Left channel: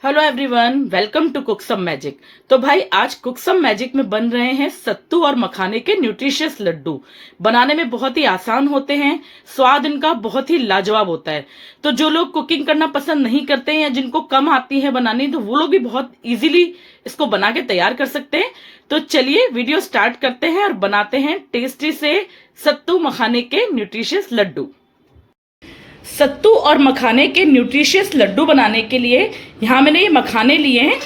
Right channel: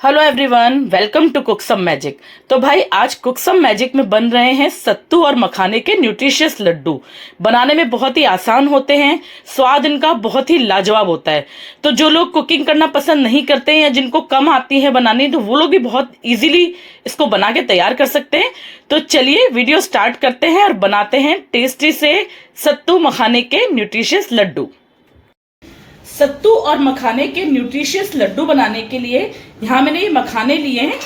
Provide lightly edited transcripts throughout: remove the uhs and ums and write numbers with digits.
Hello everyone, welcome to cook some magic. तो भाई आज कुक सम मैजिक में बन रहे हैं सत्तू और मखाने के न्यूट्रिशियस लड्डू। बनाने में बहुत ही आसान होते हैं, स्वाद इनका बहुत ही लाजवाब होता है। तो जो लोग कुकिंग करना पसंद नहीं करते हैं या जिनको कम आती है बनानी, तो वो लोग भी बहुत इजीली इसको बना के तैयार कर सकते हैं। तो चलिए वीडियो स्टार्ट करते हैं और बनाते हैं टेस्टी से सत्तू मखाने के न्यूट्रिशियस लड्डू। सत्तू और मखाने के न्यूट्रिशियस लड्डू बनाने के लिए यहाँ मैंने ये मखाने लिए हैं।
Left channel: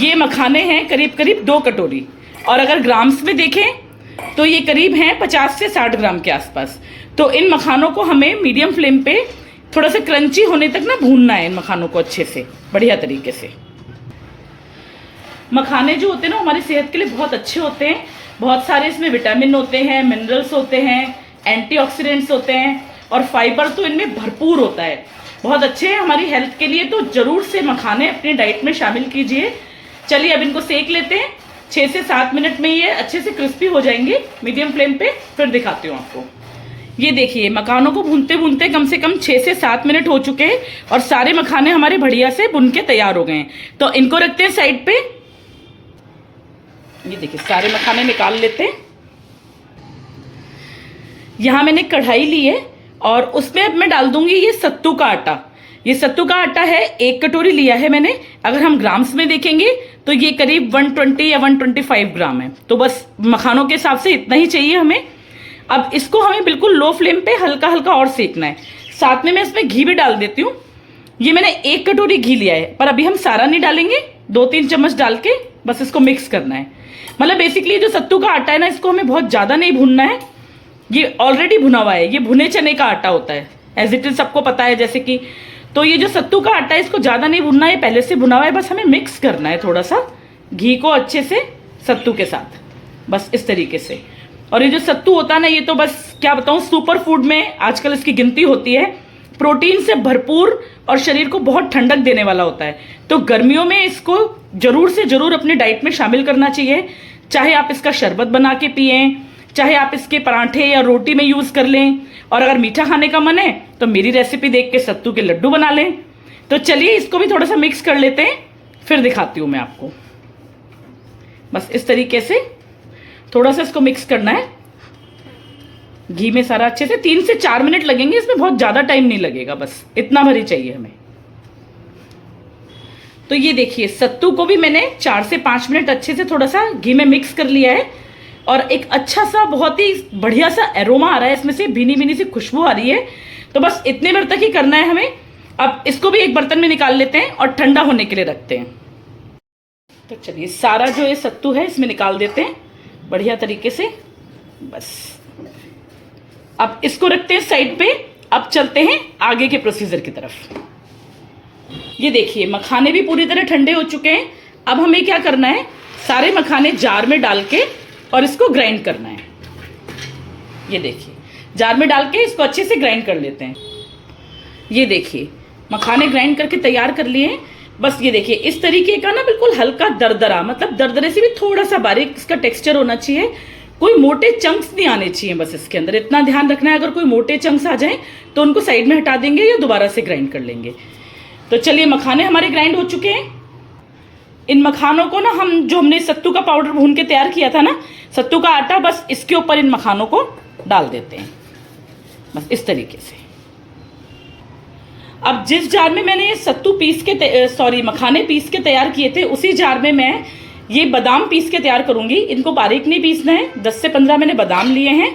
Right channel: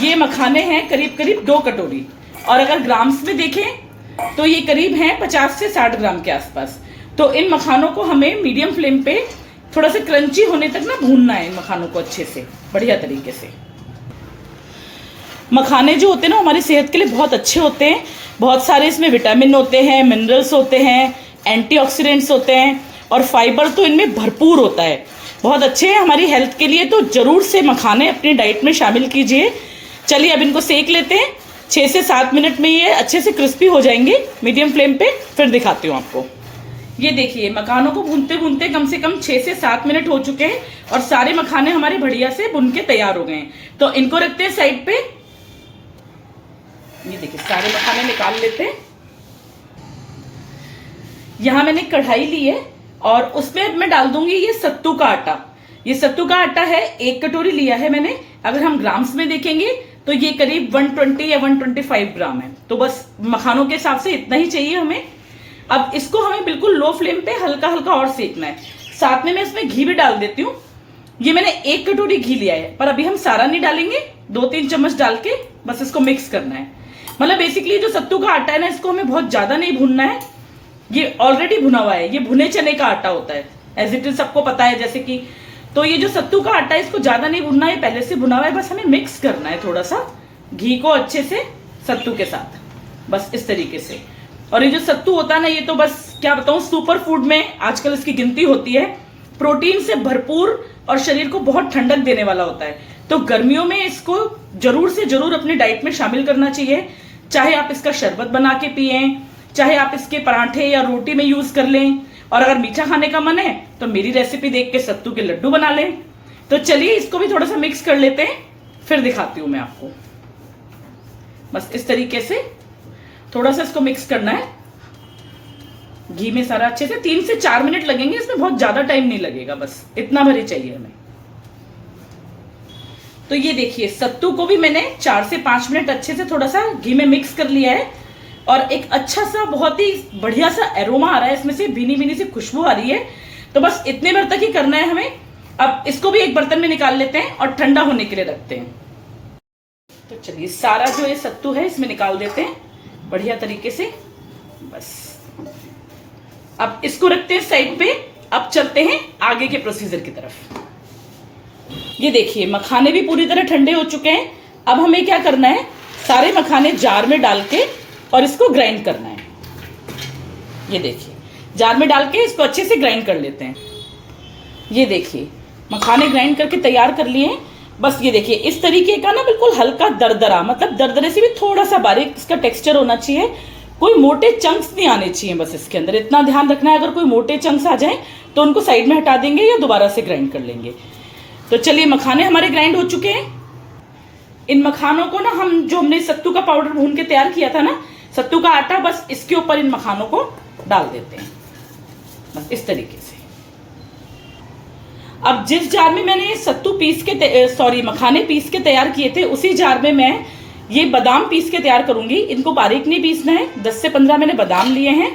ये मखाने हैं करीब करीब 2 कटोरी, और अगर ग्राम्स में देखें तो ये करीब हैं 50 से 60 ग्राम के आसपास। तो इन मखानों को हमें मीडियम फ्लेम पे थोड़ा सा क्रंची होने तक ना भूनना है, इन मखानों को अच्छे से बढ़िया तरीके से। मखाने जो होते हैं ना हमारी सेहत के लिए बहुत अच्छे होते हैं। बहुत सारे इसमें विटामिन होते हैं, मिनरल्स होते हैं, एंटीऑक्सीडेंट्स होते हैं और फाइबर तो इनमें भरपूर होता है। बहुत अच्छे हैं हमारी हेल्थ के लिए, तो जरूर से मखाने अपनी डाइट में शामिल कीजिए। चलिए अब इनको सेक लेते हैं। 6 से 7 मिनट में ये अच्छे से क्रिस्पी हो जाएंगे मीडियम फ्लेम पे। फिर दिखाती हूँ आपको। ये देखिए मखानों को भूनते भूनते कम से कम 6 से 7 मिनट हो चुके हैं और सारे मखाने हमारे बढ़िया से भुन के तैयार हो गए हैं। तो इनको रखते हैं साइड पे। ये देखिए सारे मखाने निकाल लेते हैं। यहाँ मैंने कढ़ाई ली है और उसमें अब मैं डाल दूंगी ये सत्तू का आटा। ये सत्तू का आटा है, 1 कटोरी लिया है मैंने। अगर हम ग्राम्स में देखेंगे तो ये करीब 120 या 125 ग्राम है। तो बस मखानों के हिसाब से इतना ही चाहिए हमें। अब इसको हमें बिल्कुल लो फ्लेम पे हल्का हल्का और सेकना है। साथ में मैं इसमें घी भी डाल देती हूँ। ये मैंने 1 कटोरी घी लिया है, पर अभी हम सारा नहीं डालेंगे, 2-3 चम्मच डाल के बस इसको मिक्स करना है। मतलब बेसिकली जो सत्तू का आटा है ना, इसको हमें बहुत ज्यादा नहीं भूनना है। ये ऑलरेडी भुना हुआ है, ये भुने चने का आटा होता है, एज इट इज सबको पता है जैसे कि। तो ये जो सत्तू का आटा है इसको ज्यादा नहीं भुनना है, पहले से भुना हुआ है। बस हमें मिक्स करना है थोड़ा सा घी को अच्छे से सत्तू के साथ, बस इस तरीके से। और ये जो सत्तू होता है ना, ये तो बस क्या बताऊं, सुपर फूड में आजकल इसकी गिनती होती है। प्रोटीन से भरपूर और शरीर को बहुत ठंडक देने वाला होता है। तो गर्मियों में इसको जरूर से जरूर अपनी डाइट में शामिल करना चाहिए। चाहे आप इसका शरबत बना के पिए, चाहे आप इसके पराठे या रोटी में यूज कर लें, और अगर मीठा खाने का मन है तो मेरी रेसिपी देख के सत्तू के लड्डू बना लें। तो चलिए इसको भी थोड़ा सा मिक्स कर लेते हैं, फिर दिखाती हूं मैं आपको। बस इस तरीके से थोड़ा सा इसको मिक्स करना है घी में सारा अच्छे से। 3 से 4 मिनट लगेंगे, इसमें बहुत ज्यादा टाइम नहीं लगेगा, बस इतना भर ही चाहिए हमें। तो ये देखिए सत्तू को भी मैंने 4 से 5 मिनट अच्छे से थोड़ा सा घी में मिक्स कर लिया है और एक अच्छा सा बहुत ही बढ़िया सा एरोमा आ रहा है इसमें से, भीनी भीनी सी खुशबू आ रही है। तो बस इतने देर तक ही करना है हमें। अब इसको भी एक बर्तन में निकाल लेते हैं और ठंडा होने के लिए रखते हैं। तो चलिए सारा जो ये सत्तू है इसमें निकाल देते हैं बढ़िया तरीके से। बस अब इसको रखते हैं साइड पे। अब चलते हैं आगे के प्रोसीजर की तरफ। ये देखिए मखाने भी पूरी तरह ठंडे हो चुके हैं। अब हमें क्या करना है, सारे मखाने जार में डाल के और इसको ग्राइंड करना है। ये देखिए जार में डाल के इसको अच्छे से ग्राइंड कर लेते हैं। ये देखिए मखाने ग्राइंड करके तैयार कर लिए हैं। बस ये देखिए इस तरीके का ना, बिल्कुल हल्का दरदरा, मतलब दरदरे से भी थोड़ा सा बारीक इसका टेक्सचर होना चाहिए। कोई मोटे चंक्स नहीं आने चाहिए, बस इसके अंदर इतना ध्यान रखना है। अगर कोई मोटे चंक्स आ जाए तो उनको साइड में हटा देंगे या दोबारा से ग्राइंड कर लेंगे। तो चलिए मखाने हमारे ग्राइंड हो चुके हैं। इन मखानों को ना हमने सत्तू का पाउडर भून के तैयार किया था ना, सत्तू का आटा, बस इसके ऊपर इन मखानों को डाल देते हैं, बस इस तरीके से। अब जिस जार में मैंने ये सत्तू मखाने पीस के तैयार किए थे, उसी जार में मैं ये बादाम पीस के तैयार करूंगी। इनको बारीक नहीं पीसना है। 10 से 15 मैंने बादाम लिए हैं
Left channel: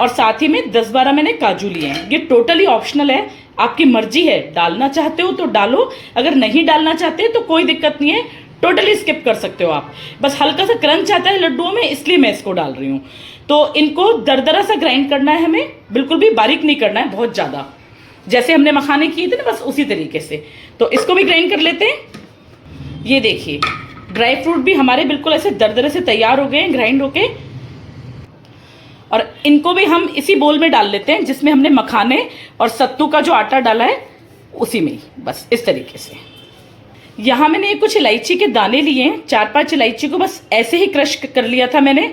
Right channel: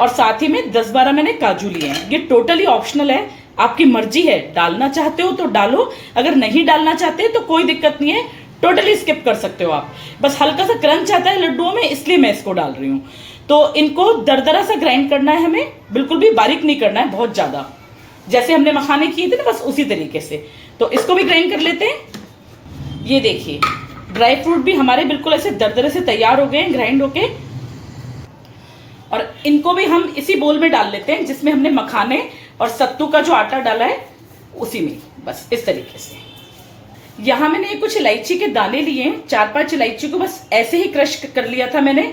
और साथ ही में 10-12 मैंने काजू लिए हैं। ये टोटली ऑप्शनल है, आपकी मर्जी है, डालना चाहते हो तो डालो, अगर नहीं डालना चाहते तो कोई दिक्कत नहीं है, टोटली स्किप कर सकते हो आप। बस हल्का सा क्रंच आता है लड्डुओं में, इसलिए मैं इसको डाल रही हूँ। तो इनको दरदरा सा ग्राइंड करना है हमें, बिल्कुल भी बारीक नहीं करना है बहुत ज्यादा, जैसे हमने मखाने किए थे ना, बस उसी तरीके से। तो इसको भी ग्राइंड कर लेते हैं। ये देखिए ड्राई फ्रूट भी हमारे बिल्कुल ऐसे दरदरे से तैयार हो गए हैं ग्राइंड होके। और इनको भी हम इसी बोल में डाल लेते हैं जिसमें हमने मखाने और सत्तू का जो आटा डाला है उसी में, बस इस तरीके से। यहाँ मैंने कुछ इलायची के दाने लिए हैं, 4-5 इलायची को बस ऐसे ही क्रश कर लिया था मैंने।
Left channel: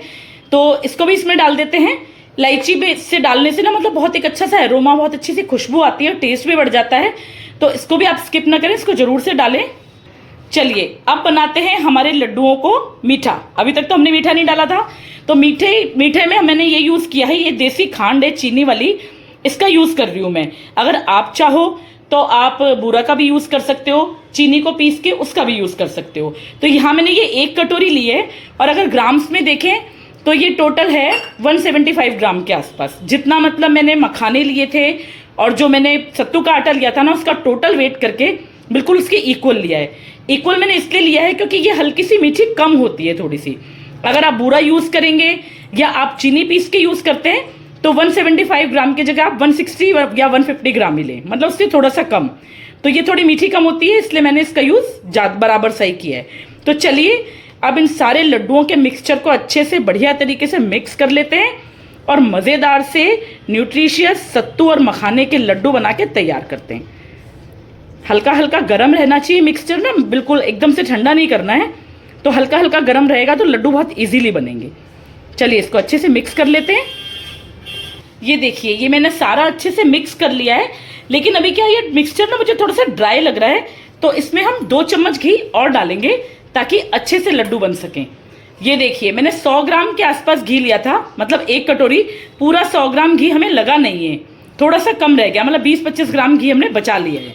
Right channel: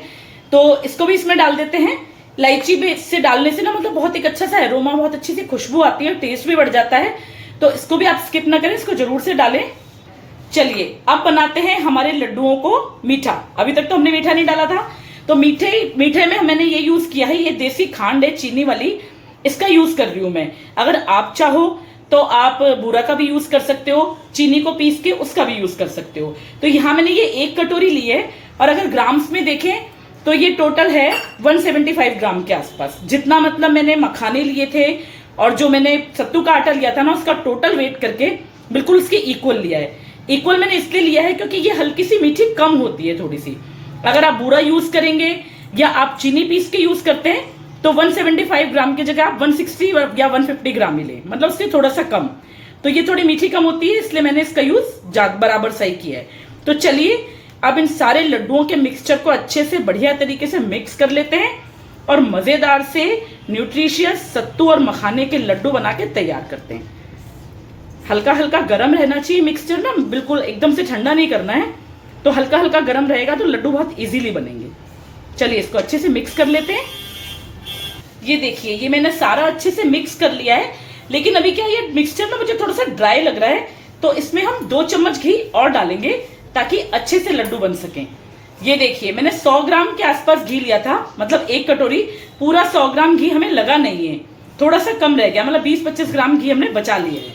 तो इसको भी इसमें डाल देते हैं। इलायची से डालने से ना, मतलब बहुत एक अच्छा सा एरोमा, बहुत अच्छी सी खुशबू आती है, टेस्ट भी बढ़ जाता है। तो इसको भी आप स्किप ना करें, इसको जरूर से डालें। चलिए अब बनाते हैं हमारे लड्डुओं को मीठा। अभी तक तो हमने मीठा नहीं डाला था, तो मीठे में मैंने ये यूज किया है, ये देसी खांड है चीनी वाली, इसका यूज कर रही हूं मैं। अगर आप चाहो तो आप बूरा का भी यूज कर सकते हो, चीनी को पीस के उसका भी यूज कर सकते हो। तो यहाँ मैंने ये 1 कटोरी ली है, और अगर ग्राम्स में देखें तो ये टोटल है 175 ग्राम के आसपास। जितना मतलब मैंने मखाने लिए थे और जो मैंने सत्तू का आटा लिया था ना, उसका टोटल वेट करके बिल्कुल उसके इक्वल लिया है। इक्वल मैंने इसलिए लिया है क्योंकि ये हल्की सी मीठी कम होती है थोड़ी सी। अगर आप बूरा यूज करेंगे या आप चीनी पीस के यूज करते हैं तो 175 ग्राम की जगह आप 160 या 150 ग्राम ही लें, मतलब उससे थोड़ा सा कम। तो ये थोड़ी मीठी कम होती है, इसलिए मैंने इसका यूज बराबर सही किया है। तो चलिए अब इन सारे लड्डुओं के मिक्सचर को अच्छे से बढ़िया तरीके से मिक्स कर लेते हैं और मजेदार से न्यूट्रिशियस सत्तू और मखाने के लड्डू बना के तैयार करते हैं। हल्का हल्का गर्म रहना चाहिए मिक्सचर ना, बिल्कुल एकदम से ठंडा नहीं करना है। तो हल्का हल्का गर्म रहेगा तो लड्डू बहुत इजीली बनेंगे। चलिए इसको अच्छे से मिक्स कर लेते हैं। ये देखिए ये मैंने सारा अच्छे से मिक्स कर लिया है, लेकिन अभी क्या ये मिक्सचर ना मुझे थोड़ा सा ड्राई लग रहा है, तो इसमें हम 2 चम्मच घी और डालेंगे ताकि अच्छे से लड्डू बन सकें। ये देखिए मैंने 100 ग्राम के आसपास घी लिया था, मतलब 1 कटोरी, पूरा 100 ग्राम घी हमें लगा नहीं है, थोड़ा सा कम रह गया, मतलब 20-25 ग्राम घी हमने बचा लिया है।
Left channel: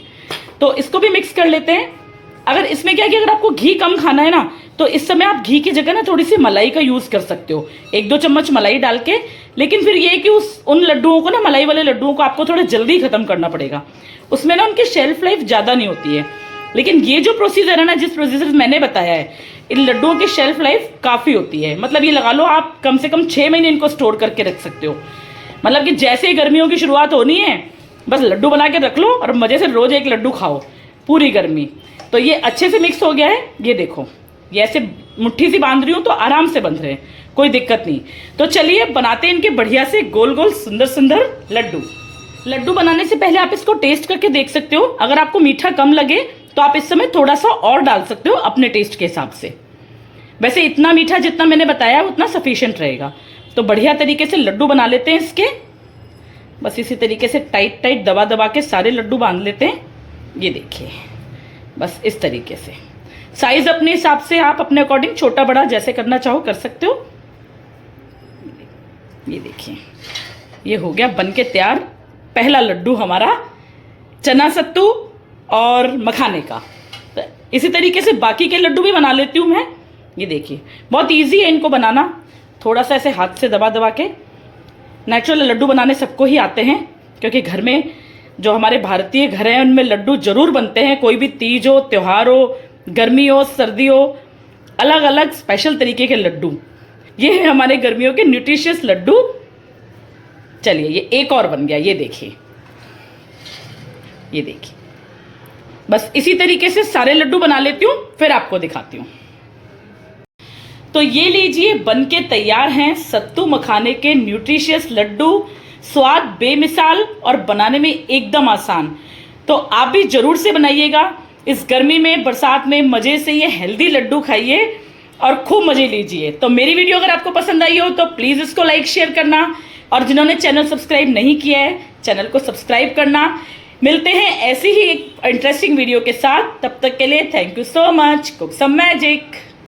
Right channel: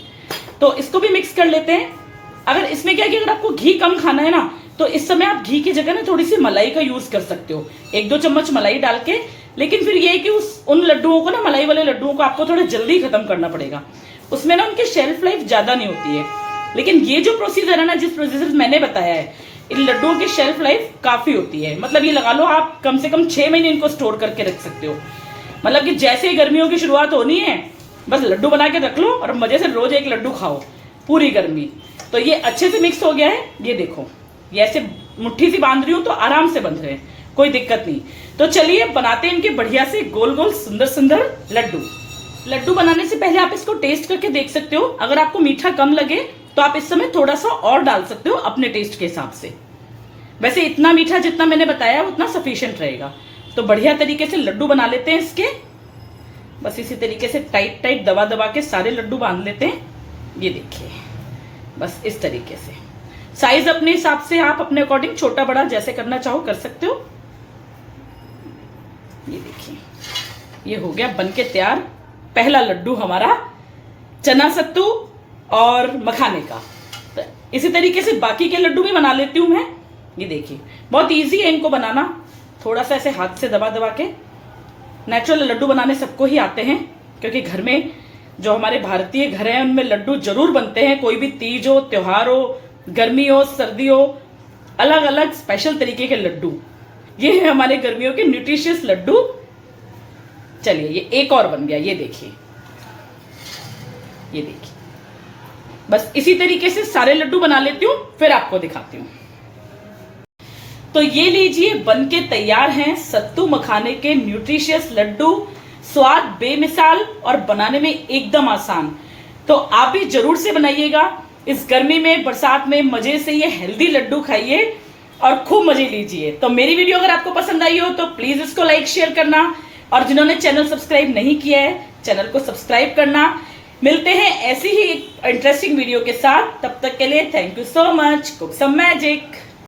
तो इसको भी मिक्स कर लेते हैं। अगर इसमें क्या है कि अगर आपको घी कम खाना है ना, तो इस समय आप घी की जगह ना थोड़ी सी मलाई का यूज कर सकते हो, 1-2 चम्मच मलाई डाल के। लेकिन फिर ये है कि उन लड्डुओं को ना, मलाई वाले लड्डुओं को आपको थोड़ा जल्दी खत्म करना पड़ेगा, उसमें ना उनकी शेल्फ लाइफ ज्यादा नहीं होती है। लेकिन ये जो प्रोसीजर है ना, जिस प्रोसीजर मैंने बताया है, इन लड्डुओं की शेल्फ लाइफ काफी होती है। मतलब ये लगा लो आप कम से कम 6 महीने इनको स्टोर करके रख सकते हो। मतलब कि जैसे ही गर्मियों की शुरुआत होनी है, बस लड्डू बना के रख लो और मजे से रोज 1 लड्डू खाओ पूरी गर्मी। तो ये अच्छे से मिक्स हो गया है, ये देखो ये ऐसे मुट्ठी सी बांध रही हूं तो आराम से बंध रहे हैं, कोई दिक्कत नहीं। तो चलिए बनाते हैं इनके बढ़िया से गोल गोल सुंदर सुंदर लड्डू। लड्डू बनाने से पहले आप इसको टेस्ट करके देख सकते हो। अगर आपको मीठा कम लगे तो आप इस समय थोड़ा सा और डाल सकते हो अपने टेस्ट के हिसाब से। वैसे इतना मीठा जितना मैंने बताया उतना सफिशिएंट रहेगा। तो बढ़िया तरीके से लड्डू बना लेते हैं इसके। बस इसी तरीके से टाइट टाइट दबा दबा के सारे लड्डू बांध लेते हैं। ये देखिए बस इस तरीके से। साइज अपने हिसाब से आप अपने अकॉर्डिंग छोटा बड़ा जैसे करना चाहो कर सकते हो। ये देखिए ये हो गया बन के तैयार पहला लड्डू हमारा चना सत्तू और मखाने का। तो इसी तरीके से बाकी के लड्डू भी बना लेती हूं मैं। ये देखिए बहुत इजी है इनको बनाना, थोड़ा सा ऐसे हाथ से दबा दबा के। नेचुरल लड्डू बनाने सबको ही आते हैं, क्योंकि घर में जो हमारे भारतीय घर हैं उनमें लड्डू जरूर बनते हैं। कोई भी तीज हो, त्योहार हो, गर्मी हो, सर्दी हो, अलग अलग स्पेशल तरीके के लड्डू। ये है हमारे गर्मियों के न्यूट्रिशियस लड्डू। चलिए ये एक और बन गया, ये देखिए ये देखिए। बस इसी तरीके से सारे लड्डू बना लेती हूं, फिर आपको दिखाती हूं। तो ये लीजिए बन के तैयार हैं सत्तू मखाने के न्यूट्रिशियस लड्डू। स्वाद बेमिसाल और बनाने में एकदम आसान। तो आप भी जरूर से बनाइएगा इस गर्मी में, बरसात में मजे से ये हेल्दी लड्डू खाइए और खूब मजे लीजिए। तो मेरी वीडियो अगर आपको पसंद आई हो तो प्लीज इसको लाइक शेयर करना, और जिन्होंने चैनल सब्सक्राइब नहीं किया है चैनल को सब्सक्राइब करना। मिलते हैं ऐसी ही एक इंटरेस्टिंग वीडियो के साथ, तब तक के लिए thank you so much. Cook some magic.